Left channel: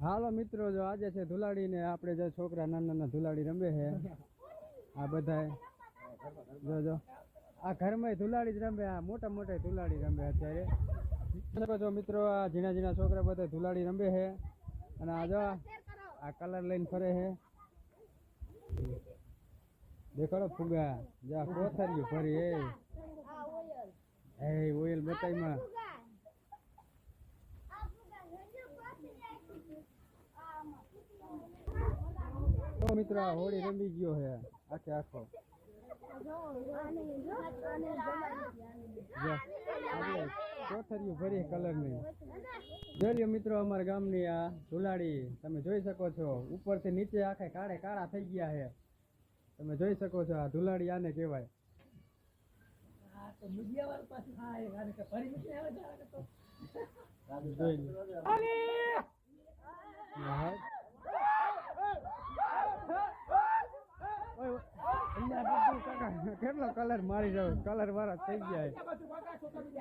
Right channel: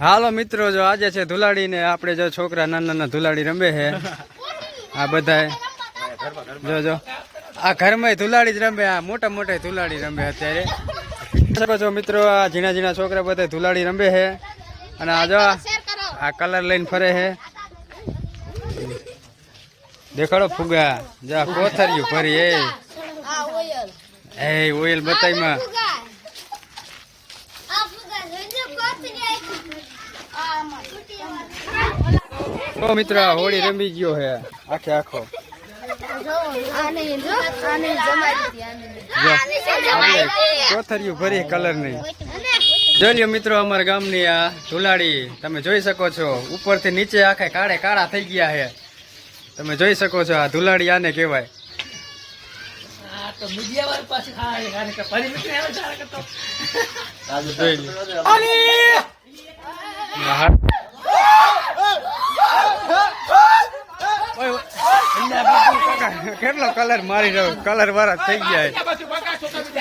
હાલો મિત્રો જો આજે છે ધુલાડી ને આપણે જો છોકરા નાના નાના ધુલાડી રમે છે. આ બધા જો જો. આ ઘરમાં ધુલાડી જ રમે આ મોટા મોટા ધુલાડી રમે અત્યારે. શકો છો મિત્રો આ ઝીણા ઝીણા છોકરા બધા ધુલાડી રમે છે. અને આ જો આ કલર લઈને ફરે છે. દેખાડો ફુગા. જા કોથરિયું ફરી એ. ઓઇલ બતાઈમાં ફુગા આ ફુગા જોજો કોથરી આવી આ આમાં તો મિત્ર આ હોળી રમી ગયો હે. આખે આખો. આને જો આને જમાડી આને. જો. આપણે કોથરિયું ભરી કલર નહીં જોઈ લ્યો મિત્રો અમારા ગામની આ ધુલાડી તમે જોઈ શકો છો ઉપરથી નીચે આખે કાળે કાળા થઈ ગયા છે તમે જોઈ શકો છો આ ધુલાડી આને કહેવાય. મીડિયા હા. કેટલા કેટલો કલર મારી રહ્યો? કલર વાળા થઈ ગયા